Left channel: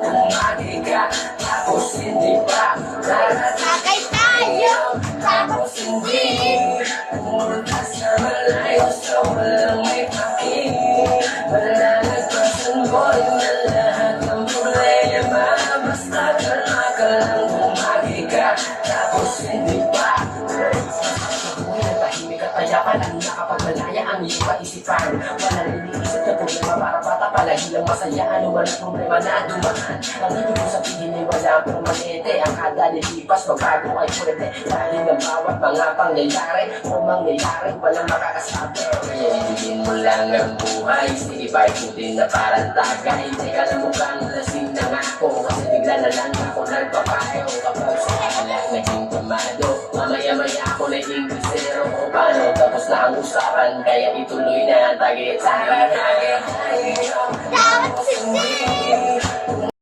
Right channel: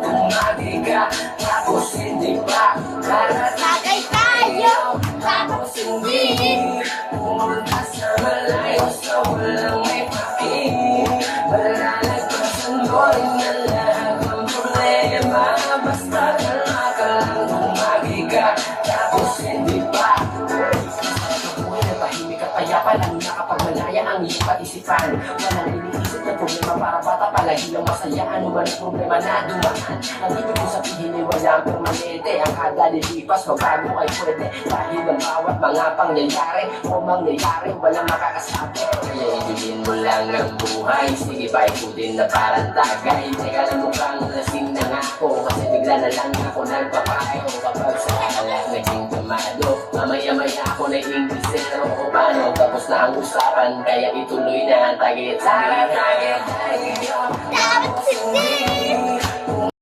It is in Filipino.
Tumagi ka, tapos hindi pa Tagay tayo, tapos hindi. pumunta sa malayo sa walang may paki. Malalagpasan mo rin na lahat ng problema. Basta kalma ka lang, tumagi ka, tapos hindi pa. Buhay na tahimik at payapa lang nakapagmalaya ang iyong kaisipan. Walang iniisip na problema para bata palagi lang masaya. Ano man ang problema na dumaan, ang ibig ko sabihin ay wala permanente. Ang kada lilipas magbago ay pwede, dahil ang bawat mga pangyayari o mangyayari walang makakasabi. Kaya ibigin mo lang ang buhay, sige ba ikutin na parang tagay. Teka lang mukhang lasing na nga ako, kasi bigla na lang ako nagpapayo. Kapag sa alak naging kamado, mamaya-maya ako naging bisero. O paano, tapos na ang usapan, kaya ituloy na ang tagit sa akin. Tapos hindi.